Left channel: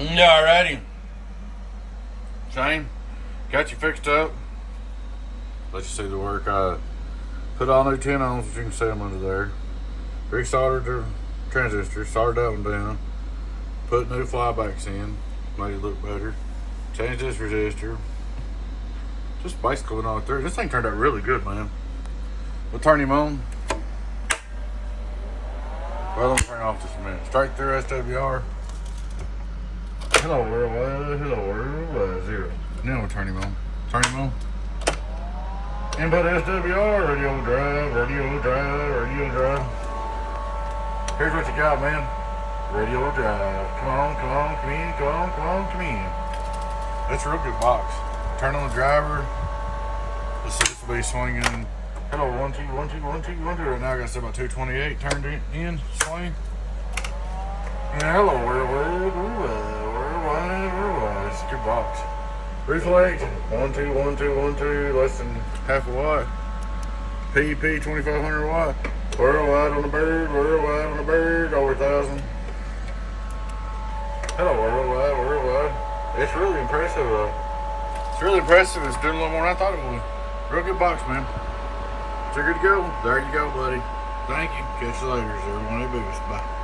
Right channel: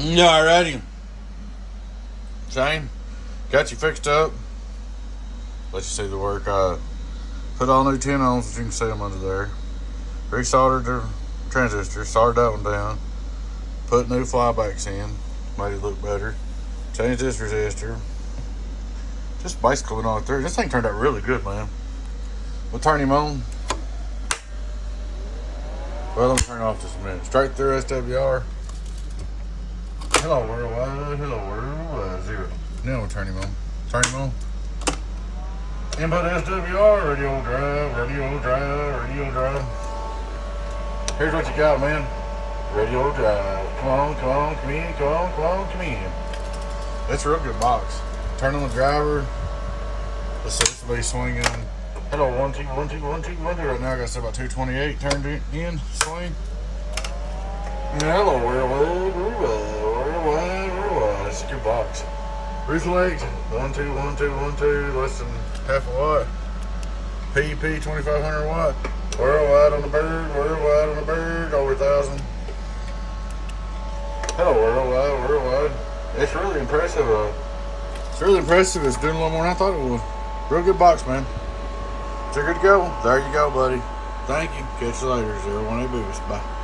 Yeah, alrighty. Shane, got you fixed up. Let you see the work. Put all new tin ons, as you can see them under there. Resoldered the transistor, soldered that one down. Put new flybacks in, made it look better. Changed this resistor. Just basically went on through. This thing turned out really good, man. We'll turn him on. Well, let me turn it off just a minute. Straight through SWR. Hello world, hello world, 0. Now we'll turn him on. Turn him on. Input SWR, radio drive, radio drive, radio drive. Here's what you got, man. Radio drive. Come on, come in, come in. It's a real good box. Turn on the driver. Let's see, this will be swinging. Hello, 1 2 1 2 1 2 1 2. Right now I got about 228 turned in, swing. Hello, worldwide. It's a good box. Reflect, 1 2 1 2 1 2, less than half a watt. PP 2500 watt. Worldwide on the bird, over 1,000. Hello, worldwide. It's really impressive. It's really impressive. It's doing a little more than I thought it would. Real good box, man. So good to go. There you go, buddy. Thank you. Catch you later. 018 Boost. Bye.